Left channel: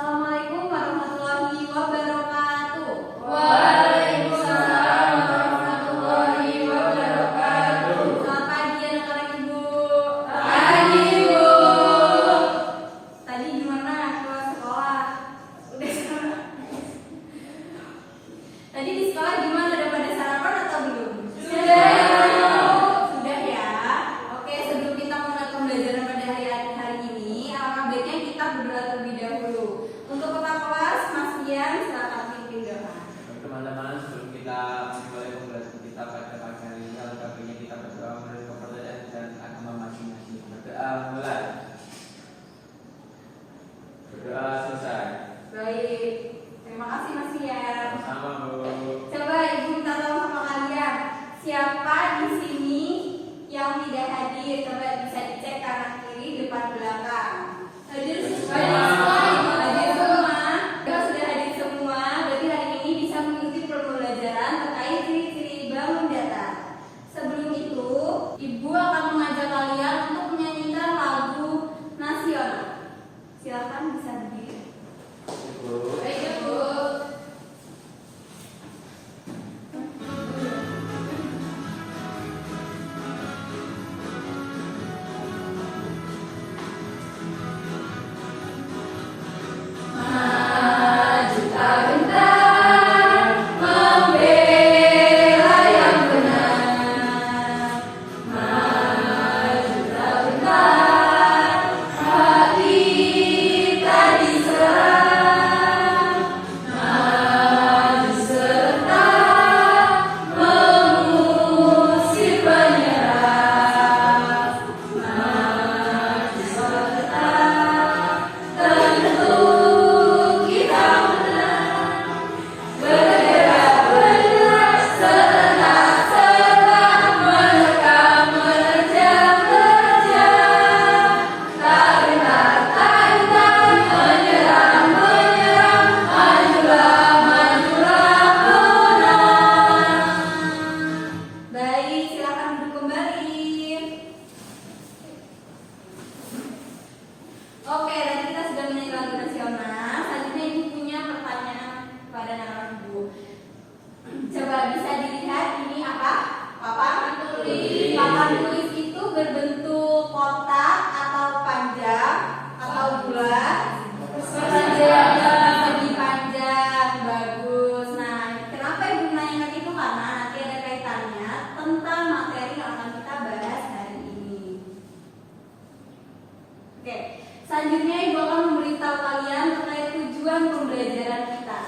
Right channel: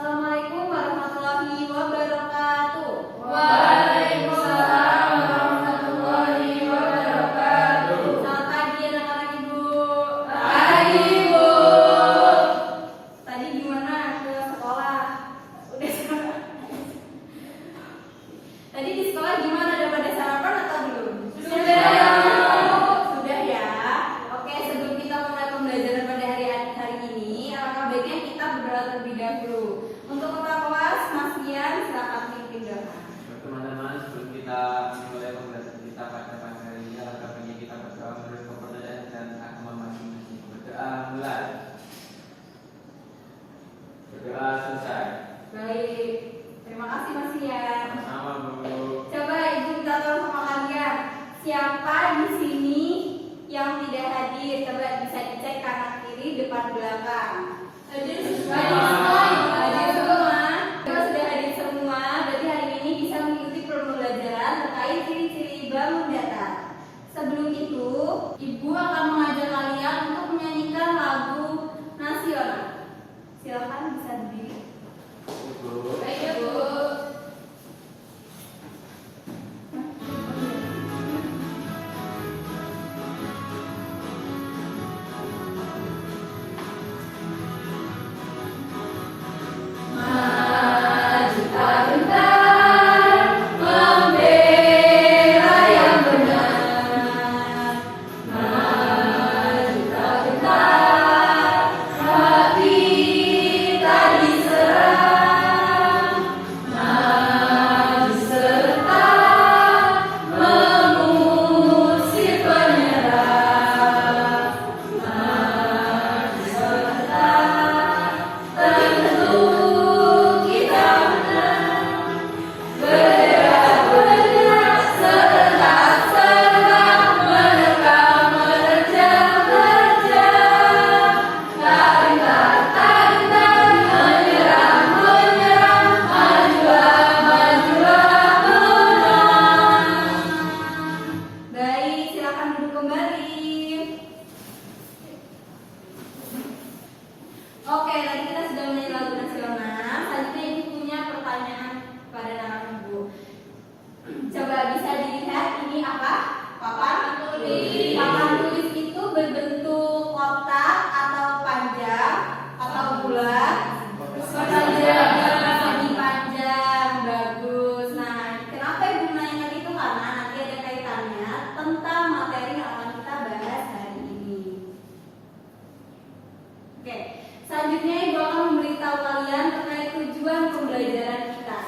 Assalamualaikum warahmatullahi wabarakatuh. Waalaikumsalam warahmatullahi wabarakatuh. Selamat pagi anak-anak Ibu. Pagi, Bu. Tadi gimana pulang sekolah? Udah sekolah? Tadi di sekolah gimana? Udah pada sarapan atau belum? Sudah ya. Oke, sebelum kita mulai pembelajaran pada hari ini, alangkah baiknya kita berdoa terlebih dahulu. Untuk kepala kelas, Mas Rian, silakan pimpin doa. Teman-teman, sebelum kita memulai pembelajaran kita pada pagi hari ini, alangkah baiknya kita berdoa menurut kepercayaan dan agama masing-masing. Berdoa mulai. Berdoa selesai. Baik, terima kasih Mas Rian. Sama, Bu. Coba Ibu minta tolong sama kalian, siapa di sini yang tidak hadir? Coba bisa dicek kanan kiri, depan belakang. Hadir semua. Hadir semua. Kalau sudah hadir semua, berarti hari ini bisa mengikuti pembelajaran terkait ciri-ciri bangun datar. Sebelum itu, Ibu akan mengajak kalian untuk menyanyikan lagu nasional. Silakan bisa berdiri. Bu. Baik, Bu. Maju tak gentar, membela yang benar. Maju tak gentar, hati tak diserang. Maju serta mengusir penyerang. Maju serta tentu kita menang. Bergerak benar serentak serang, menerkam menerjang terjang. Tak gentar menyerang majulah menang. Baik, silakan duduk kembali. Oke, tadi kita sudah menyanyi lagu nasional. Selanjutnya Ibu punya pertanyaan pada anak Ibu. Coba bisa dilihat ini apa? Papan tulis. Papan tulis itu berbentuk kotak atau panjang atau bulat? Panjang. Lebih panjang, bagus. Nah, kenapa Ibu menanyakan itu? Karena nanti ada kaitannya tentang materi yang akan kita bahas hari ini. Oke, selanjutnya Ibu akan memberitahu kalian terkait tujuan pembelajaran kita.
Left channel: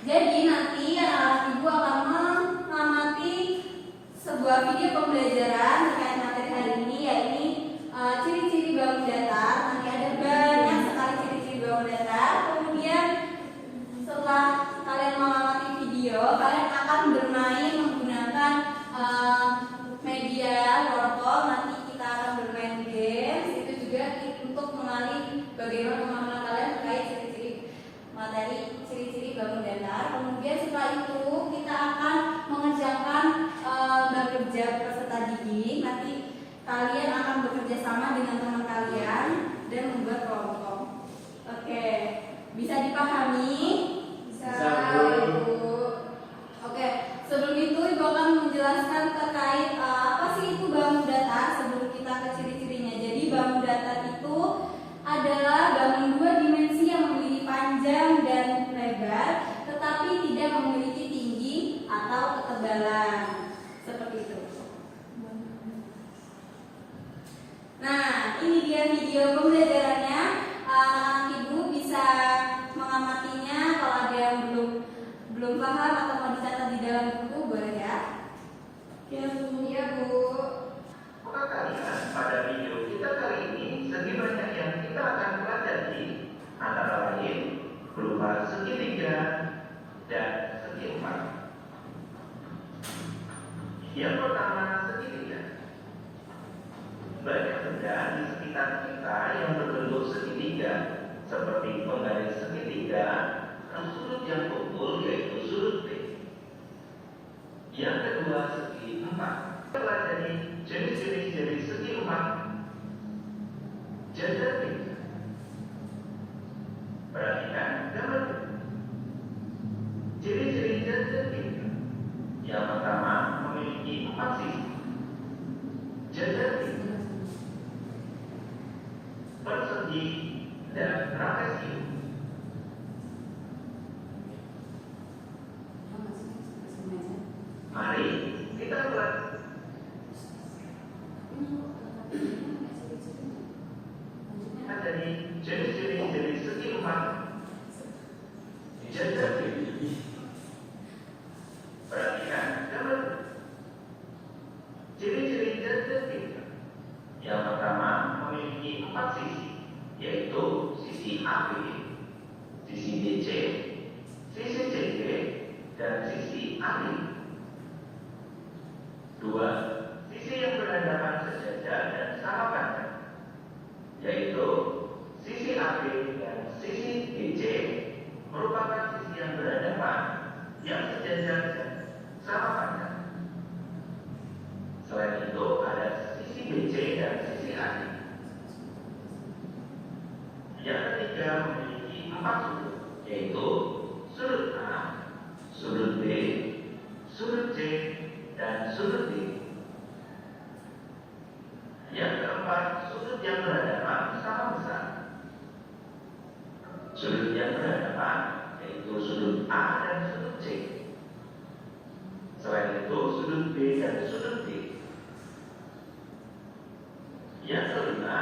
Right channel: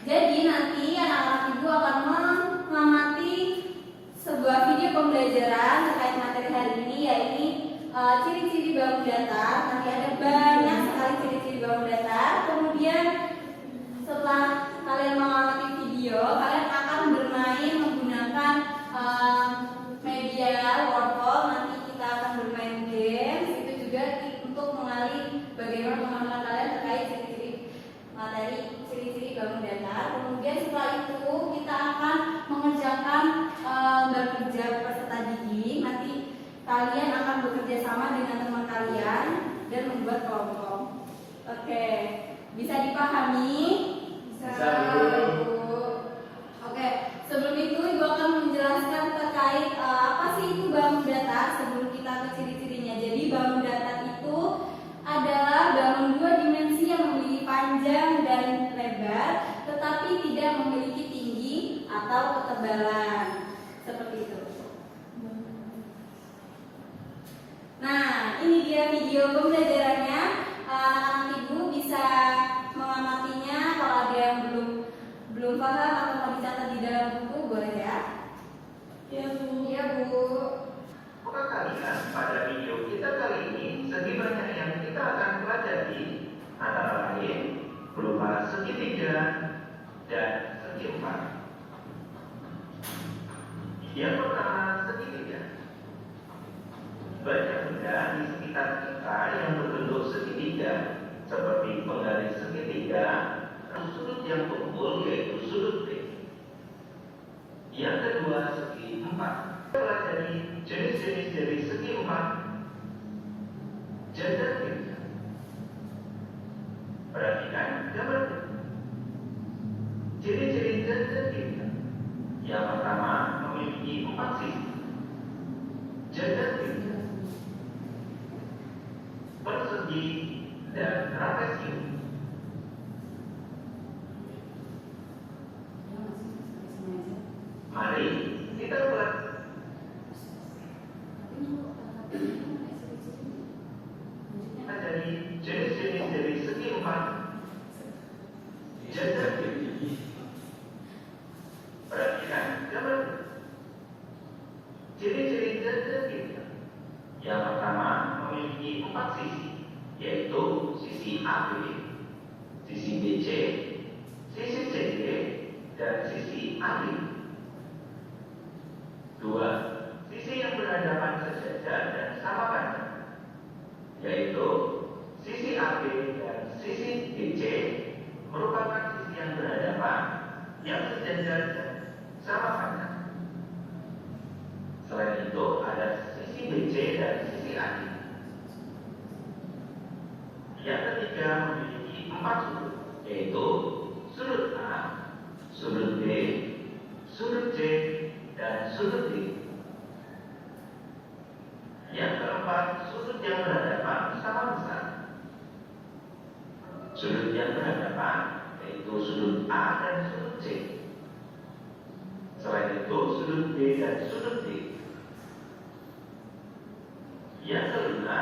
Jadi nanti anak-anak Ibu akan mengamati sebuah video pembelajaran terkait materi hari ini, yaitu ciri-ciri bangun datar. Nanti ada banyak sekali ciri-ciri bangun datar. Kemudian setelah kalian mengamati video, kalian akan bermain menggunakan media workshop. Nanti kita akan bermain games. Itu juga untuk mengenali bagaimana pemahaman kalian terkait ciri-ciri materi ciri-ciri bangun datar. Kemudian setelah itu kita akan mengerjakan bekerja peserta didik. Nanti kalian akan bekerja sama dengan teman kalian dan membuat kelompok. Oke, bisa dipahami? Bisa, Bu. Ibu. Oke, sebelum itu Ibu akan menjelaskan terkait apa sih itu bangun datar sebelum kita ke ciri-cirinya. Jadi bangun datar itu adalah bangun dua dimensi yang memiliki panjang dan lebar, tetapi tidak memiliki tinggi atau ketebalan. Seperti itu. Nah, ini dia video pembelajarannya. Anak-anak Ibu bisa mengamatinya. Kalau ada yang belum paham atau mau dicatat di dalam buku, boleh ya? Ya, Bu. Iya, Bu. Perhatikan pada video kita kali ini, segi banyak yang kita akan pelajari antara lain berupa segitiga dan segi empat. Yang pertama, segitiga. Banyak benda di sekitar kita yang berbentuk segitiga, seperti penggaris segitiga, sudut yang tumpul yaitu sudut B. Yang kedua, segi empat. Kita pelajari jenis-jenis dari segi empat. Jajar B. Perhatikan pertama memiliki 4 sisi. Jajar tinggi, persegi, dan trapesium. Mari kita buat dari jenis-jenis dari segi rumah. Jajar tinggi. Perhatikan gambar. Ciri-ciri jajar tinggi. Yang pertama memiliki 4 sisi, yaitu sisi AB, sisi BC, sisi CD, dan sisi AD. 2. Sisi yang berhadapan sejajar dan sama panjang, yaitu sisi AB dan sisi BC merupakan sisi yang berhadapan, yang sejajar dan sama panjang. Selain itu ada sisi BC dan sisi AD. Yang ketiga memiliki 4 sudut, yaitu sudut A, sudut B, sudut C, dan sudut D. Yang keempat, sudut yang berhadapan sama besar. Sudut yang berhadapan yaitu sudut A dan sudut C. Selain itu sudut B dan sudut D. Yang kelima,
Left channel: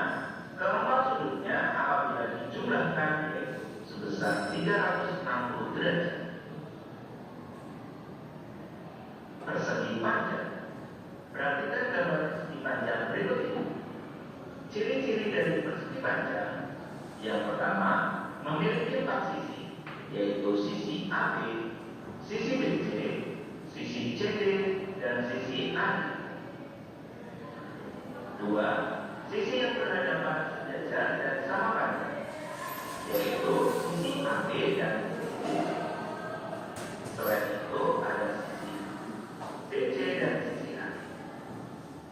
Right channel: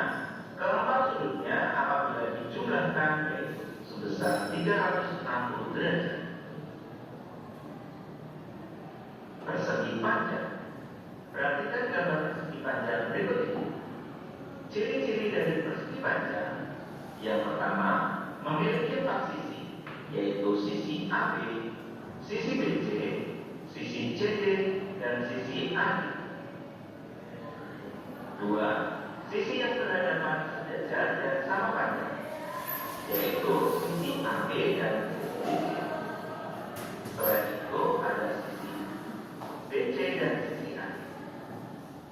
keempat sudutnya apabila dijumlahkan yaitu sebesar 360 derajat. Persegi panjang. Perhatikan gambar persegi panjang berikut ini. Ciri-ciri dari persegi panjang. Yang pertama, memiliki 4 sisi, yaitu sisi AB, sisi BC, sisi CD, dan sisi AD. 2. Sisi yang berhadapan sejajar dan sama panjang, yaitu sisi AB dan sisi CD. Selain itu ada sisi BC dan sisi AD.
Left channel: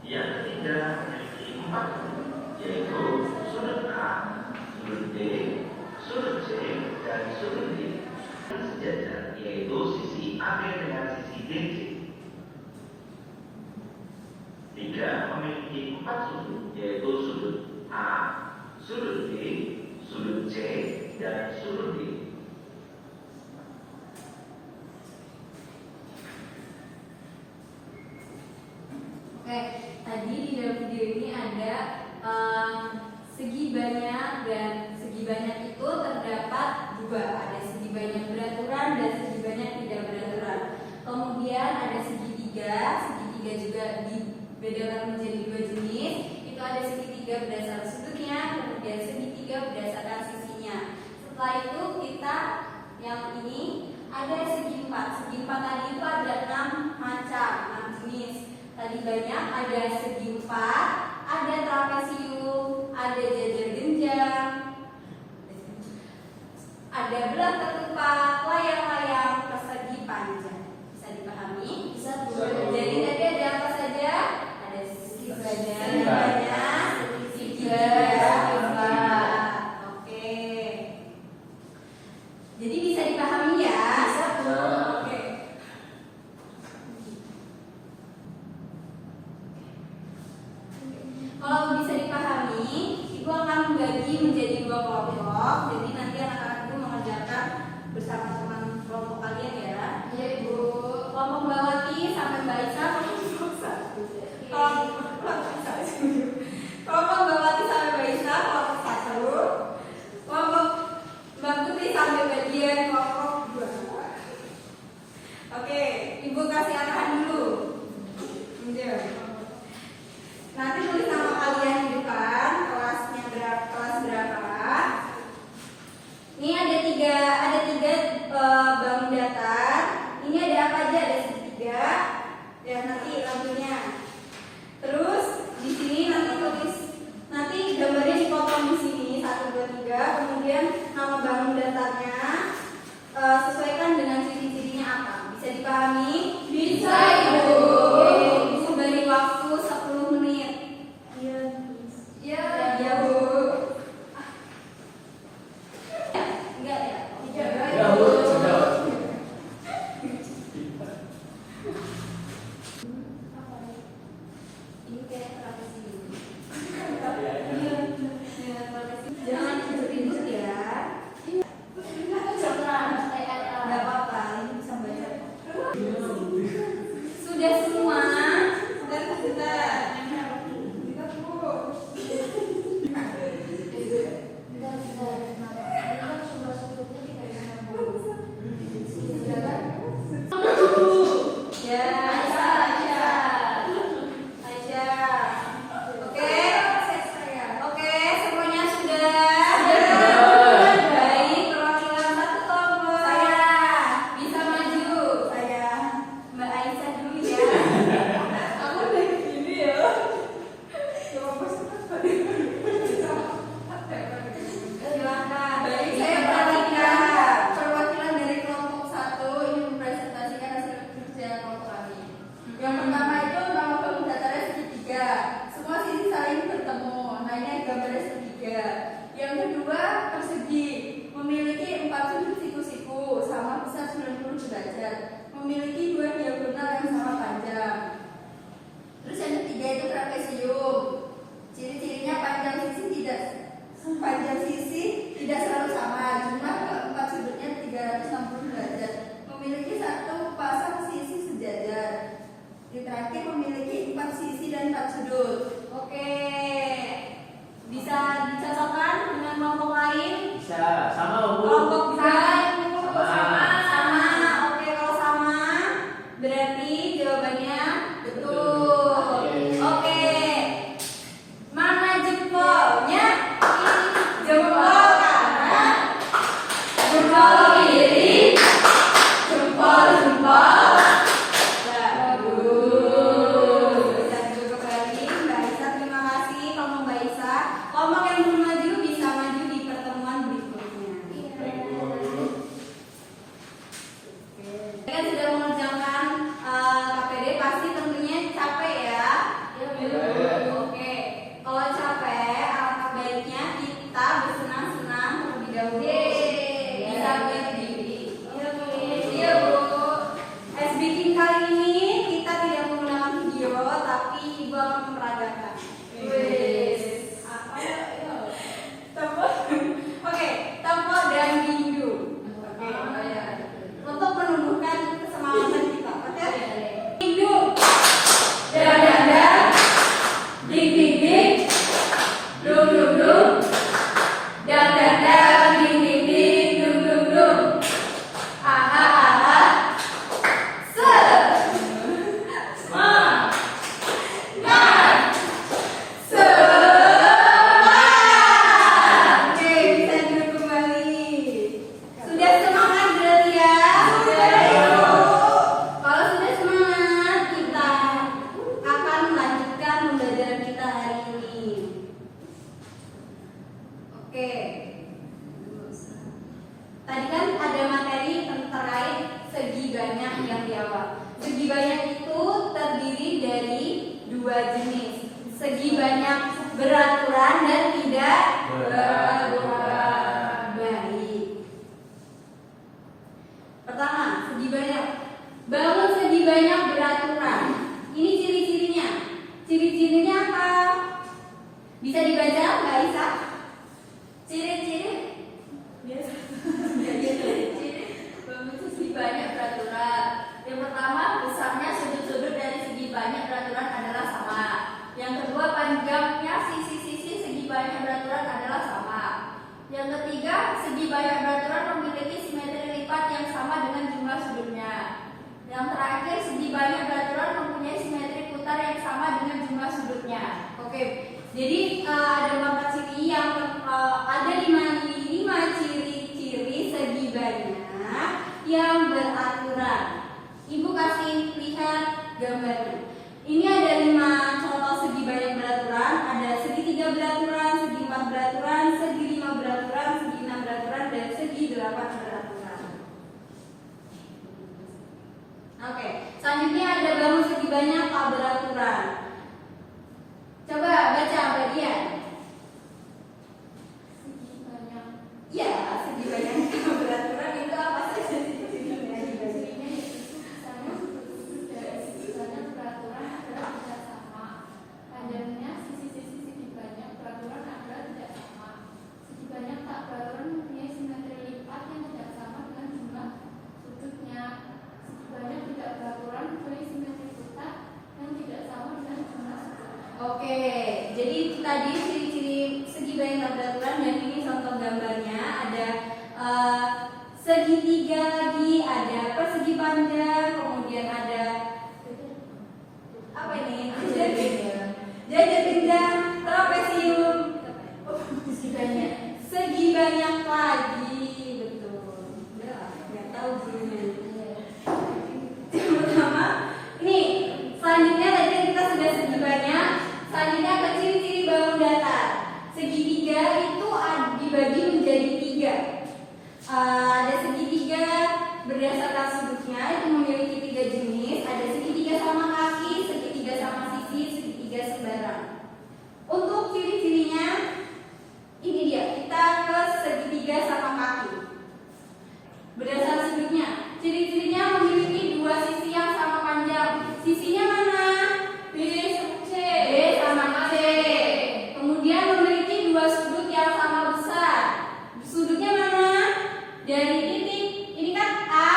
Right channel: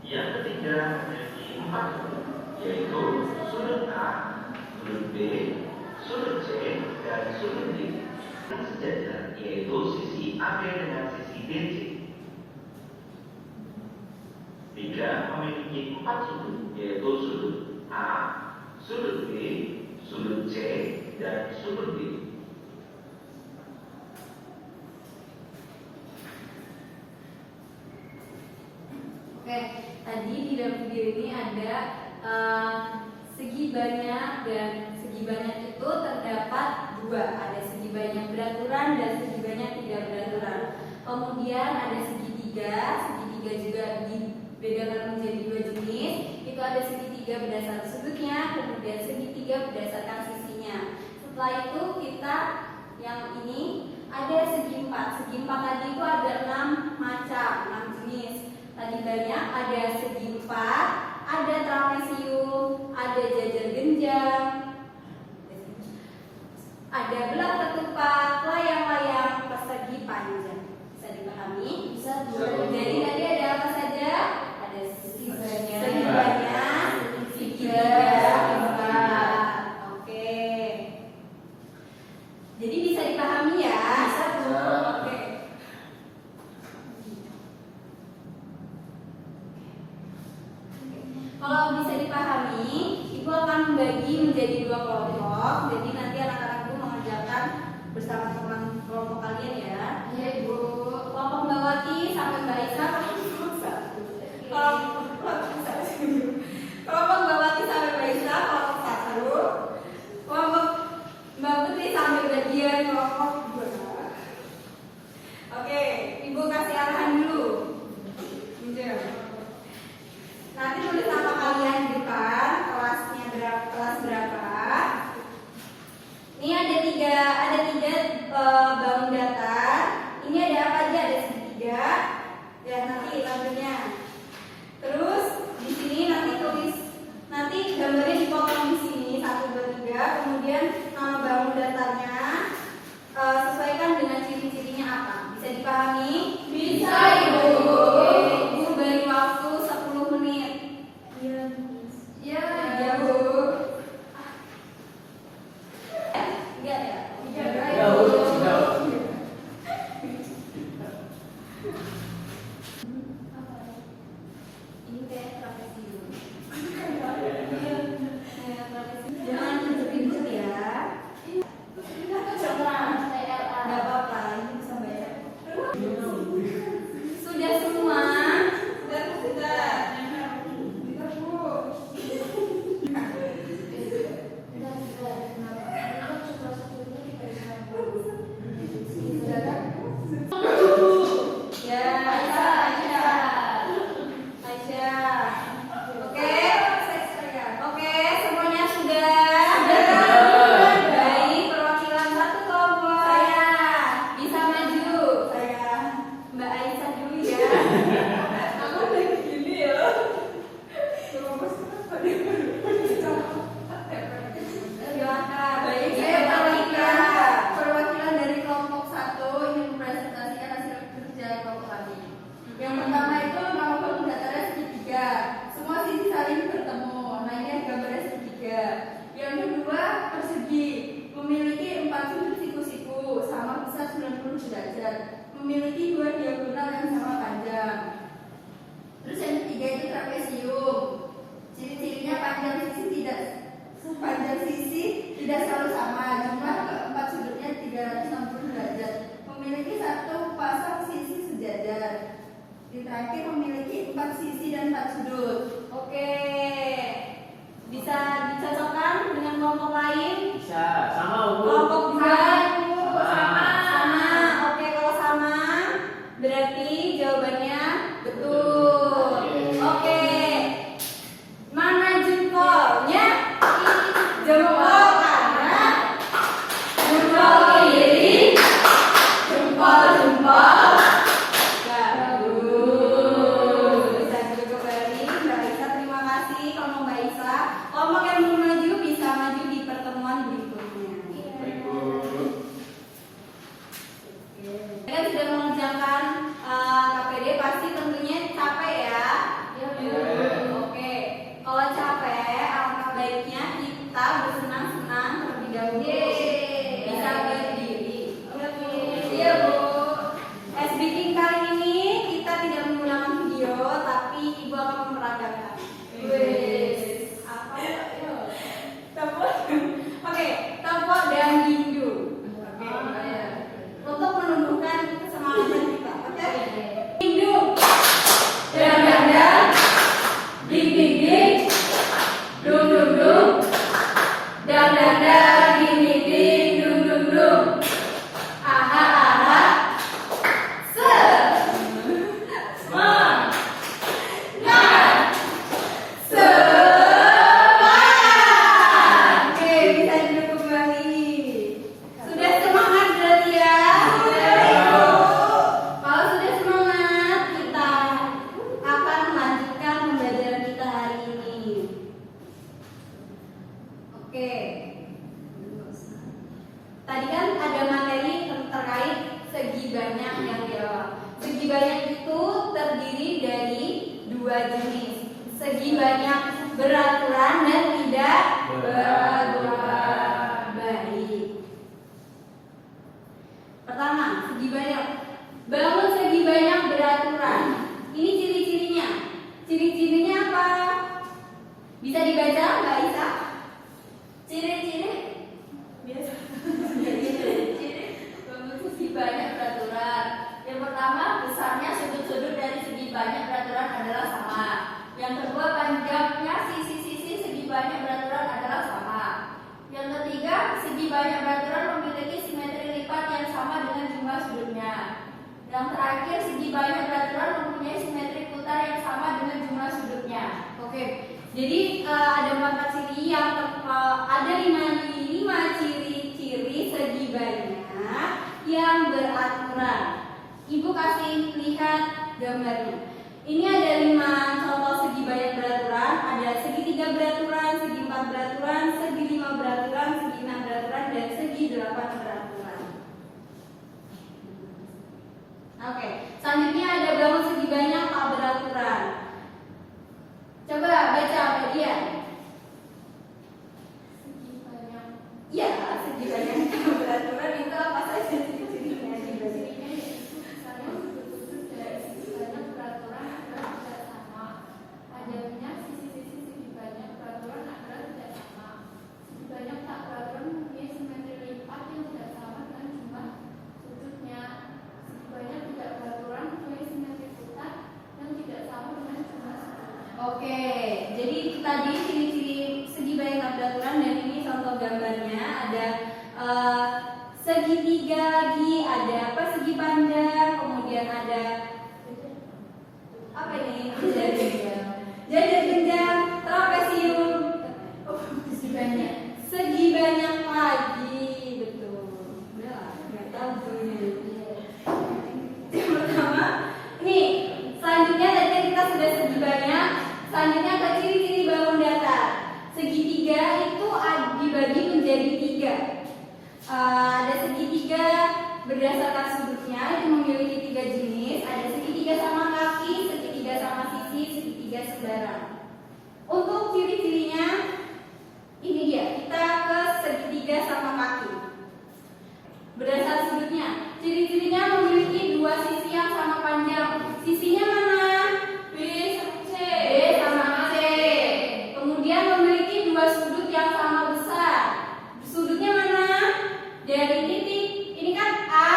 Yang ketiga memiliki 4 sudut, yaitu sudut A, sudut B, sudut C, dan sudut D. Yang sejajar yaitu sisi AB dengan sisi BC. 3. Memiliki 4 sudut, yaitu sudut A, sudut B, sudut C, dan sudut D. Oke, tadi di dalam video ini ada segi banyak, dan segi banyak itu terdapat 2. Ada segi banyak beraturan dan segi banyak tidak beraturan. Kemudian ada segitiga juga dibedakan menjadi 2 jenis. Itu ada segitiga berdasarkan sudutnya, kemudian segitiga berdasarkan sisinya. Setelah itu kita yang ini ada segi 4. Segi 4 tadi itu ada 6 macam, 6 jenis. Tadi banyak, ada segi 4, ada trapesium, ada jajar genjang, ada belah ketupat, layang-layang, persegi panjang. Bisa dipahami? Bisa. Jadi tadi ada apa saja? Ada segi banyak, segitiga, oke. Jadi bisa dipahami ya? Oke. Kalau bisa dipahami, Ibu akan membagi menjadi 2 kelompok. Jadi nanti anak-anak Ibu mengerjakan bersama teman kelompok kalian ya. Iya Ibu. Kelompok Mbak Wati sampai Mbak Isa. Kelompok Mbak Wati sampai Mbak Isa kelompok 1. Kelompok Mbak Putri sampai bagian kelompok 2. Oke, Ibu kasih arahan dulu. Nanti tulis nama kalian di depan, kelasnya kelas berapa. Ini ada tiga bangun datar. Ini ada apa aja? Ada segitiga. Ya nanti lanjutnya. Terus di sini nanti tulis, nanti gambarnya dipotong di sini 1, 2, 3. Kemudian nama bangun datarnya sesuaikan dengan ciri-cirinya apa. Bisa dipahami? Bisa Ibu. Ibu beri waktu 10 menit. Iya Bu. kita bersenang-senang terlebih dahulu. Bisa berdiri. Iya Bu. Ice breaking kali ini kita tidak menggunakan video, tapi Ibu akan memperagakan. Apa ya? Tepuk. Oke, tepuk dan gindu. Untuk menumbuhkan kesemangat kita. Oke? Gindu. Dan ding ding ding, dung dung dung, dan ding ding ding, dung dung dung, aha aha, semangat, semangat. Oke, bisa duduk kembali. Sudah semangat berarti ya? Kalau sudah semangat, kita akan melanjutkan pembelajaran kita hari ini. Oke. Tadi kan ada materi terkait segi banyak yang di awal. Segi banyak itu terdiri dari dua jenis. Segi banyak beraturan dan tidak beraturan. Baik. Pertama, segi banyak. Bangun segi banyak beraturan. Ini ciri-cirinya. Ciri-cirinya apa? Bisa dibaca Mbak Isa? Ciri-ciri? Biasa. Bangun segi banyak beraturan. Yang pertama, besarnya sudut-sudut dari segi banyak beraturan adalah sama. Yang kedua, panjangnya sisi-sisi segi banyak beraturan adalah sama. Yang ketiga, segi banyak beraturan memiliki simetri lipat yang sama dengan jumlah sudutnya. Yang terakhir, segi banyak beraturan mempunyai simetri putar yang sama dengan jumlah sudutnya. Oke. Jadi ada 4 ciri yang ada 5 ciri-ciri segi banyak yang beraturan. Ibu kasih lihat gambarnya. Ini ada 5 contoh segi banyak beraturan. Ada segitiga beraturan, segi 4 beraturan, segi 5 beraturan, segi 6 beraturan, dan segi 8 beraturan. Oke, selanjutnya ada bangun segi banyak tak beraturan. Coba baca bagian. Segi banyak. Iya, segi banyak tak beraturan itu apa saja ciri-cirinya? Cirinya yaitu besarnya sudut-sudut dari segi banyak beraturan adalah tidak sama. Panjangnya sisi-sisi segi banyak beraturan adalah tidak sama. Segi banyak tak beraturan mempunyai simetri lipat yang tidak sama dengan jumlah sudutnya. Segi banyak tidak beraturan mempunyai simetri putar yang tidak sama dengan jumlah sudutnya. Oke, jadi itu tadi ciri-ciri segi banyak tak beraturan, dan ini contoh gambarnya. Ada segitiga lagi, ada persegi panjang, kemudian ada apa ini? Jajak jenjang, trapesium, Segi banyak. segi banyak lagi, betul. Udah lah, nggak tahu dulunya. Yang pertama, ini selanjutnya tadi kan kita sudah segi banyak. Selanjutnya ke ciri-ciri bangun datar. Segitiga itu dibagi menjadi 3. Ada segitiga berdasarkan sudutnya, itu memiliki 3 jenis. Ada segitiga sama kaki, segitiga sama sisi, segitiga sembarang. Untuk ciri-cirinya, ini dia. Kita ke segitiga sama kaki. Berdasarkan sudutnya, ciri-cirinya memiliki 2 sisi yang sama panjang. Sisinya mana? B sama C. B sama C. Kemudian memiliki 2 sudut yang sama besar. Sudutnya mana? Dari titik, ini kan A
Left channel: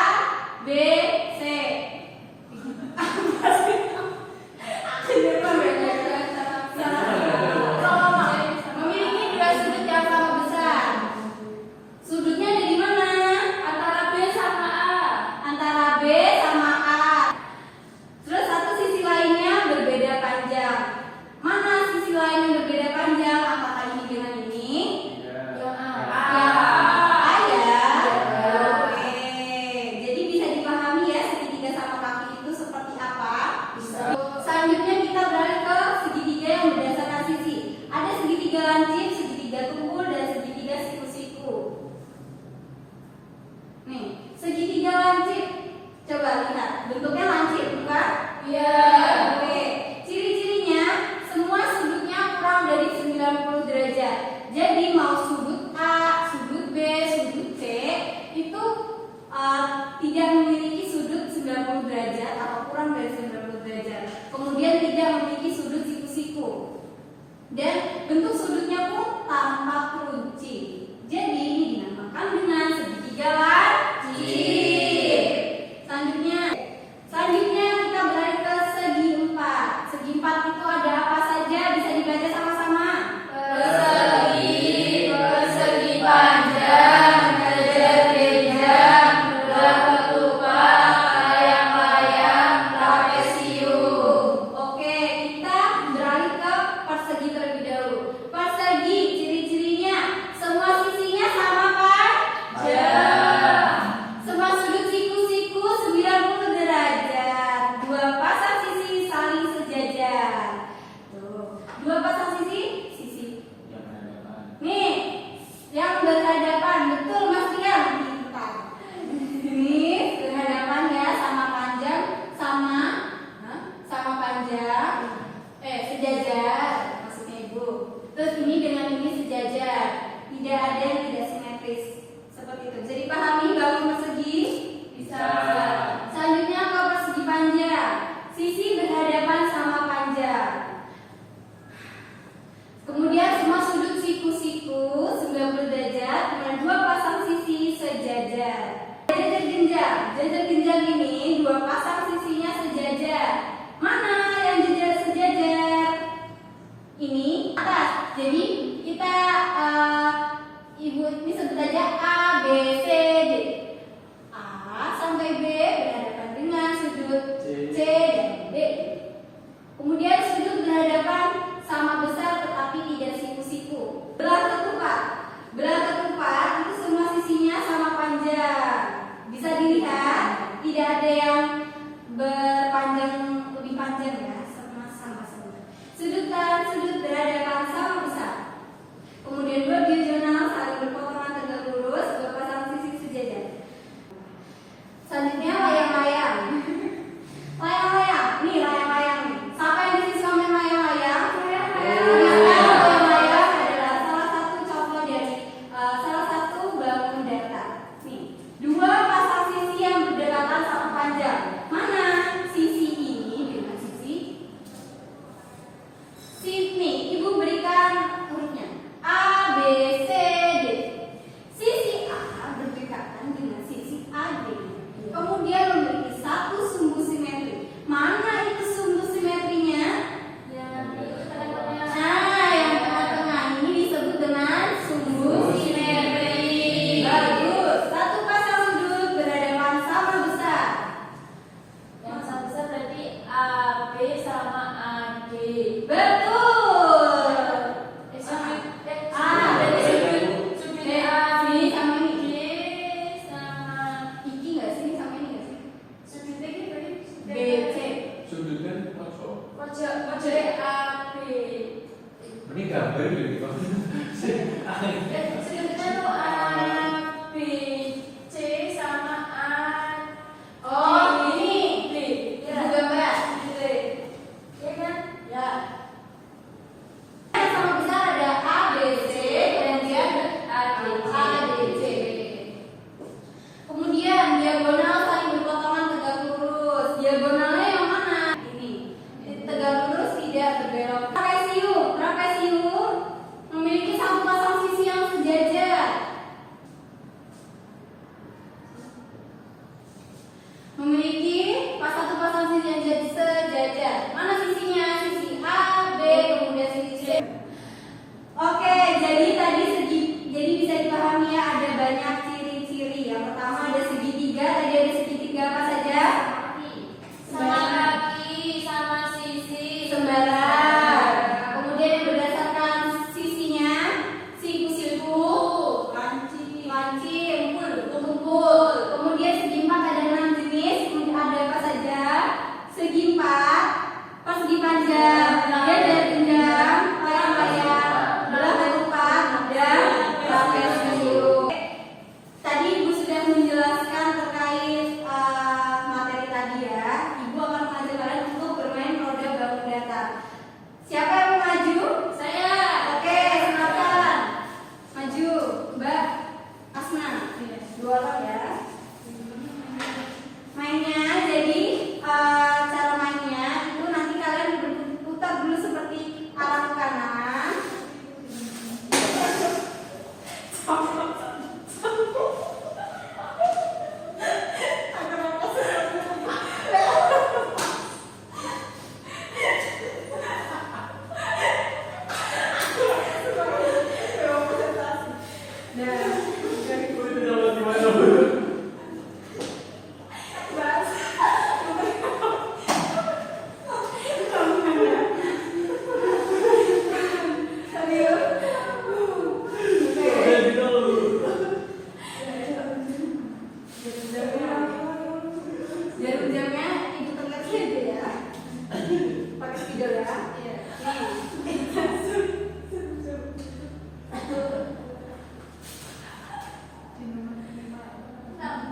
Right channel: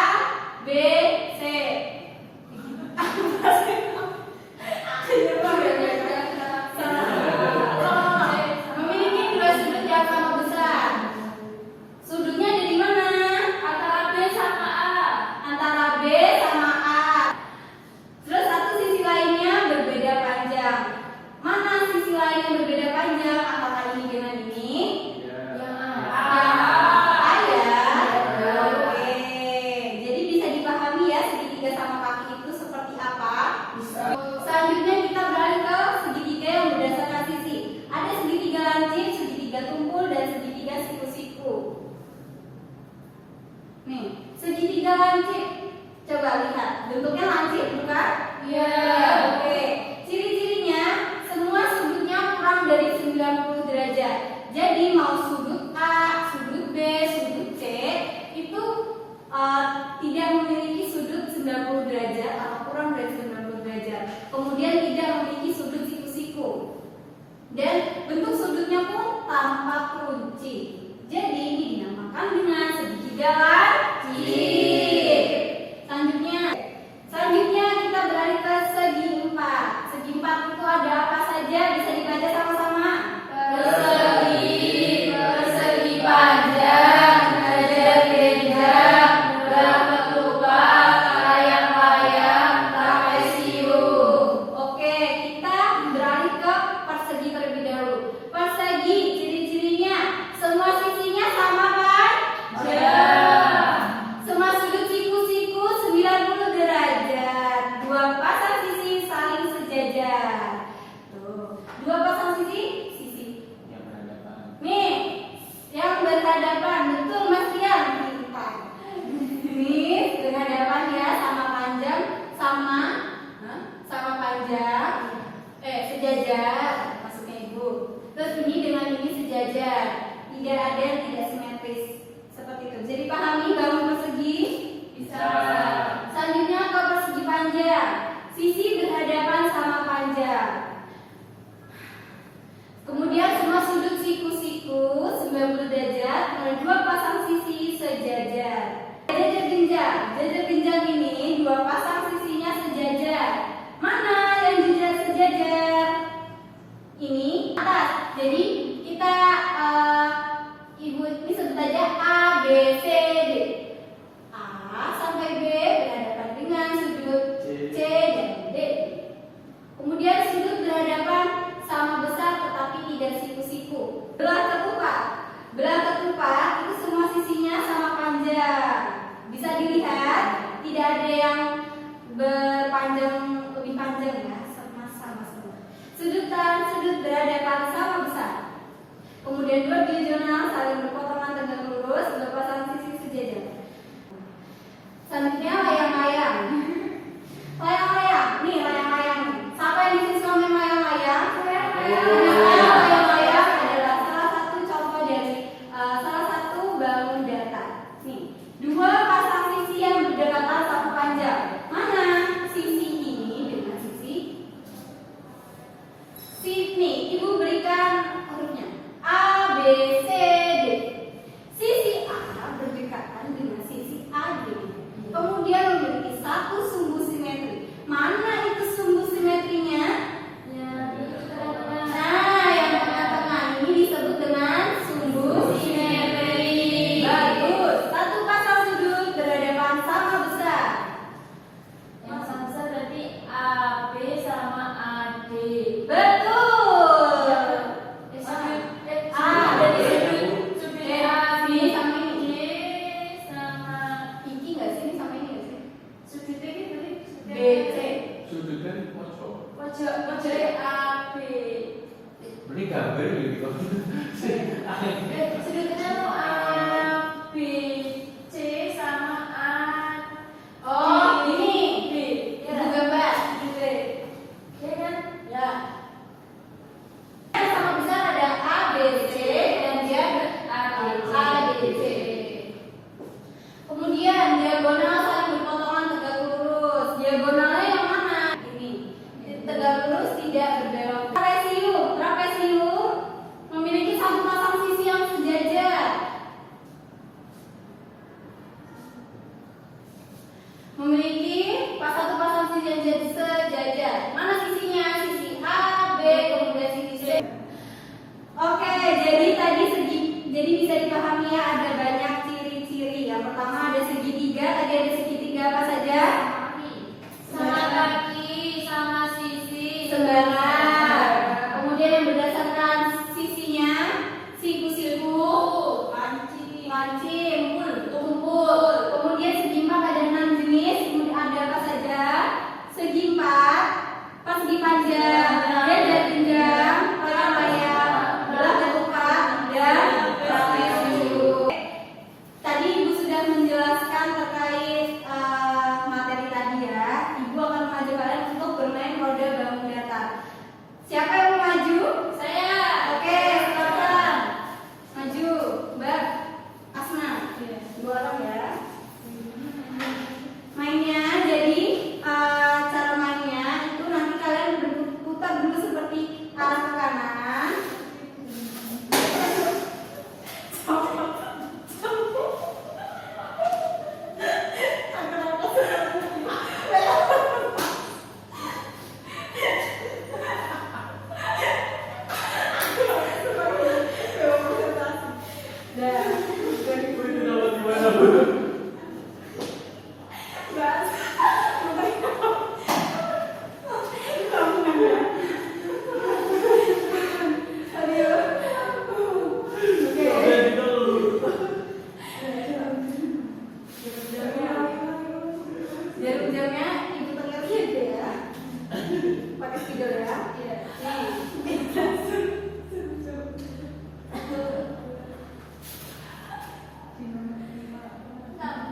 kucing. Jadi dinamakan dengan segitiga lancip. Selanjutnya kita beralih ke segi empat. Segi empat itu ada apa saja? Bisa dibaca sama-sama. Persegi panjang, kejenjang, berketupat, layang-layang, trapesium. Oke, kita beralih ke persegi terlebih dahulu. Persegi, ciri-cirinya semua sisinya sama kan? Ya. Semua sudut siku-siku 90 derajat. Dua pasang sisi saling sejajar. Tuh, dua pasang sisi. Yang berhadapan. Nih, yang berhadapan, betul Mas Tian. Pintar. Ini berhadapan ya, sama panjang, sama panjang, sejajar, maksudnya Ibu. Terus ini dengan ini sejajar, tidak ada yang tidak simetris, seperti itu. Jadi pahami bangun persegi? Bisa. Selanjutnya ke persegi panjang, sisi berhadapan sama panjang. Kemudian semua sudut siku-siku 90 derajat dengan dua pasang sisi sejajar. Jajar jenjang ini dua pasang sisinya sejajar. Mana yang jajar sejajar? Ini atas. Jadi kita Ibu ini sebut aja A, B, C, D. A sampai B berhadapan dengan sudut C dan D. Kemudian sudut berhadapan sama besar tetapi tidak siku-siku. Belah ketupat itu semua sisinya sama panjang. Bisa dilihat tidak ada yang berpanjang lebih panjang ya, sama semua. Sudut berhadapan sama besar. Kemudian dua diagonal saling berpotongan tegak lurus, berpasang sisi sejajar. Selanjutnya layang-layang. Layang-layang. Siapa yang disusun sama layang-layang? Layang-layang adalah salah satu contoh dari salah satu bangun datar. Nih, dua pasang sisi yang berdekatan satu panjang. Mana Nah, Itu dapat gimana, Bu? bahas. Serius. Oke. Udah gitu. Jam-jamnya itu terlihat aja ya. Pakai spidol ya. Iya.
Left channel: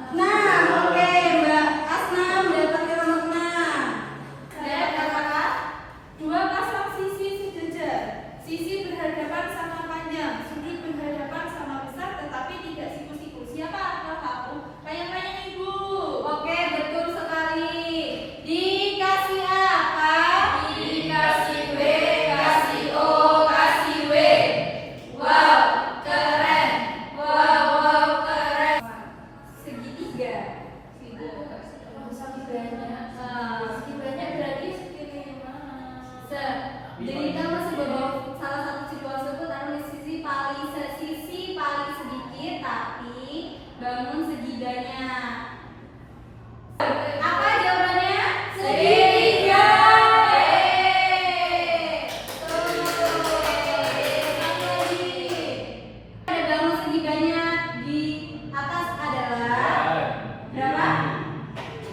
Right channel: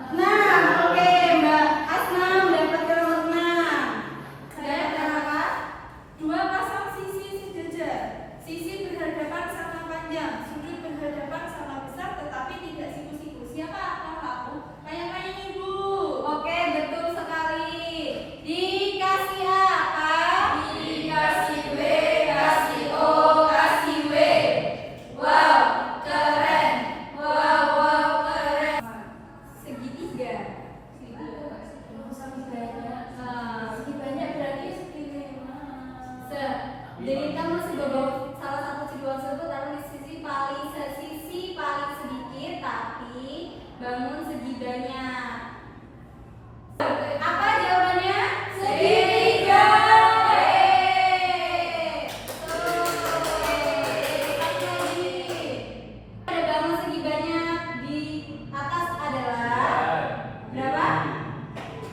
Nah, oke Mbak Asna mendapatkan nomor 6. Saya apa? Dua pasang sisi sejajar. Sisi berhadapan sama panjang, sisi berhadapan sama besar, tetapi tidak siku-siku. Siapa kakakku? Tanya-tanya ibu. Oke, betul sekali. Dikasih apa? Dikasih W, kasih O, kasih W. Wow, keren. Wow, keren. Segitiga. Segi banyak. Segi banyak berarti segini. Jadi kamu sebagai salah satu situasi itu taruh di sisi paling sedikit, tapi bangun segiganya. Apa jawabannya? Segitiga. Ada bangun segiganya di atas adalah berapa?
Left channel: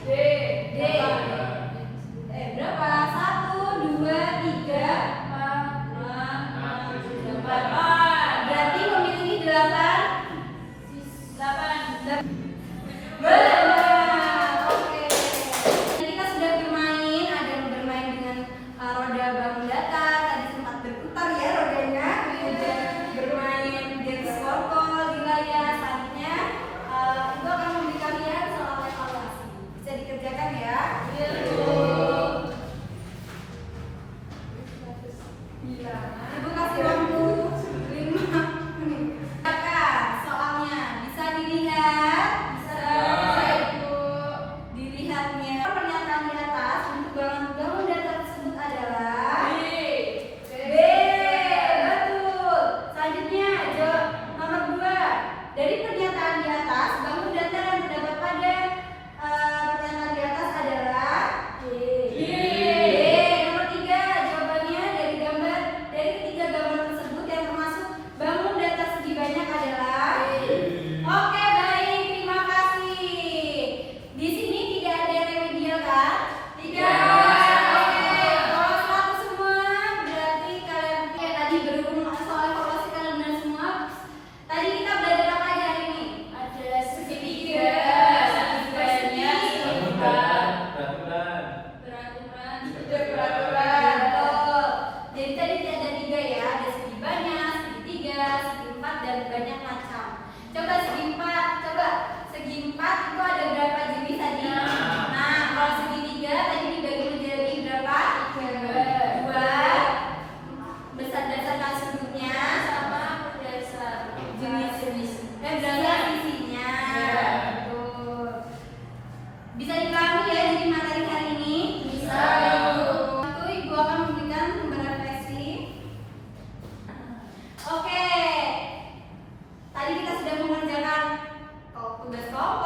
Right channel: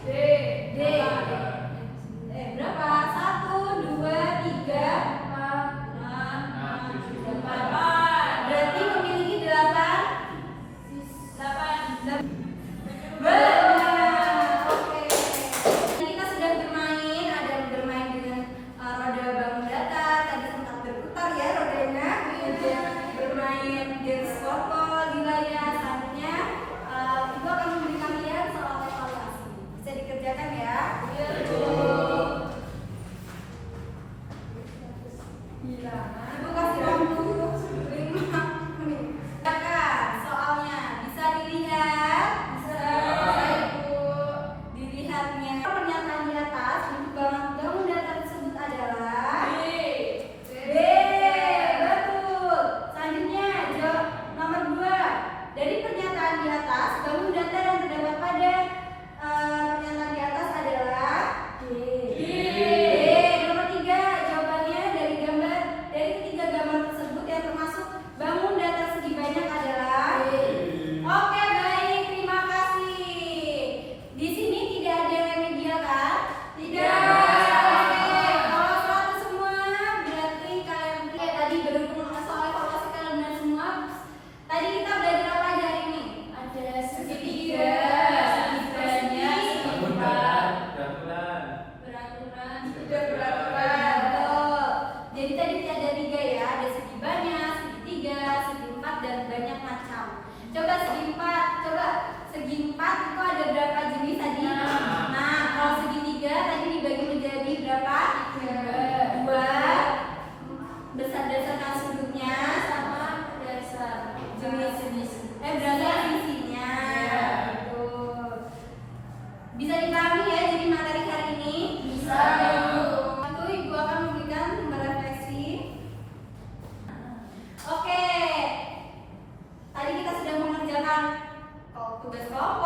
D. D. Berapa? 1, 2, 3, 4, 5, 6, 7, 8. Berarti memiliki 8. Oke. Kita sudah bermain, ada yang bermain dengan roda bangun datar, tadi sempat berputar ya rodanya, kemudian bermain dance circle di layar. Selanjutnya itu akan memberi kalian soal evaluasi. Bisa dikerjakan ya. Ibu kasih waktu 5 menit. Soalnya bisa dilihat. Dilihatnya pernyataan di atas untuk bangun datar tersebut adalah B. Betul. Selanjutnya jawab nomor 2. Dari pernyataan di atas, bangun datar yang terdapat pada pernyataan di atas adalah D. Nomor 3, jawabannya dari ketiga gambar tersebut yang termasuk bangun datar segi banyak adalah Oke, baik, terima kasih. Di sini tidak ada yang remedial kan? Tidak. Oke, kalau 100 semua berarti kalian tadi berhubung soal evaluasi kalian benar semua. Tadi kita belajar apa aja hari ini? Ada segitiga, segitiga, Bangun datar, peraturan. peraturan, Betul. Jadi tadi ada 3 ya, ada segi banyak, segitiga, segi 4 dan banyak macam. Coba segi 4 itu ada berapa jenis tadi? Nah, kalau segitiga tadi dibagi menjadi berapa? 2. Berdasarkan sudutnya sama dasar jenis-jenis. Berdasarkan isinya. Betul. Bisa dipahami ya jadi materi hari ini? Bisa. Ibu akan memberikan sumber refleksi. Oke. Tadi kita sudah mengerjakan tugas kelompok,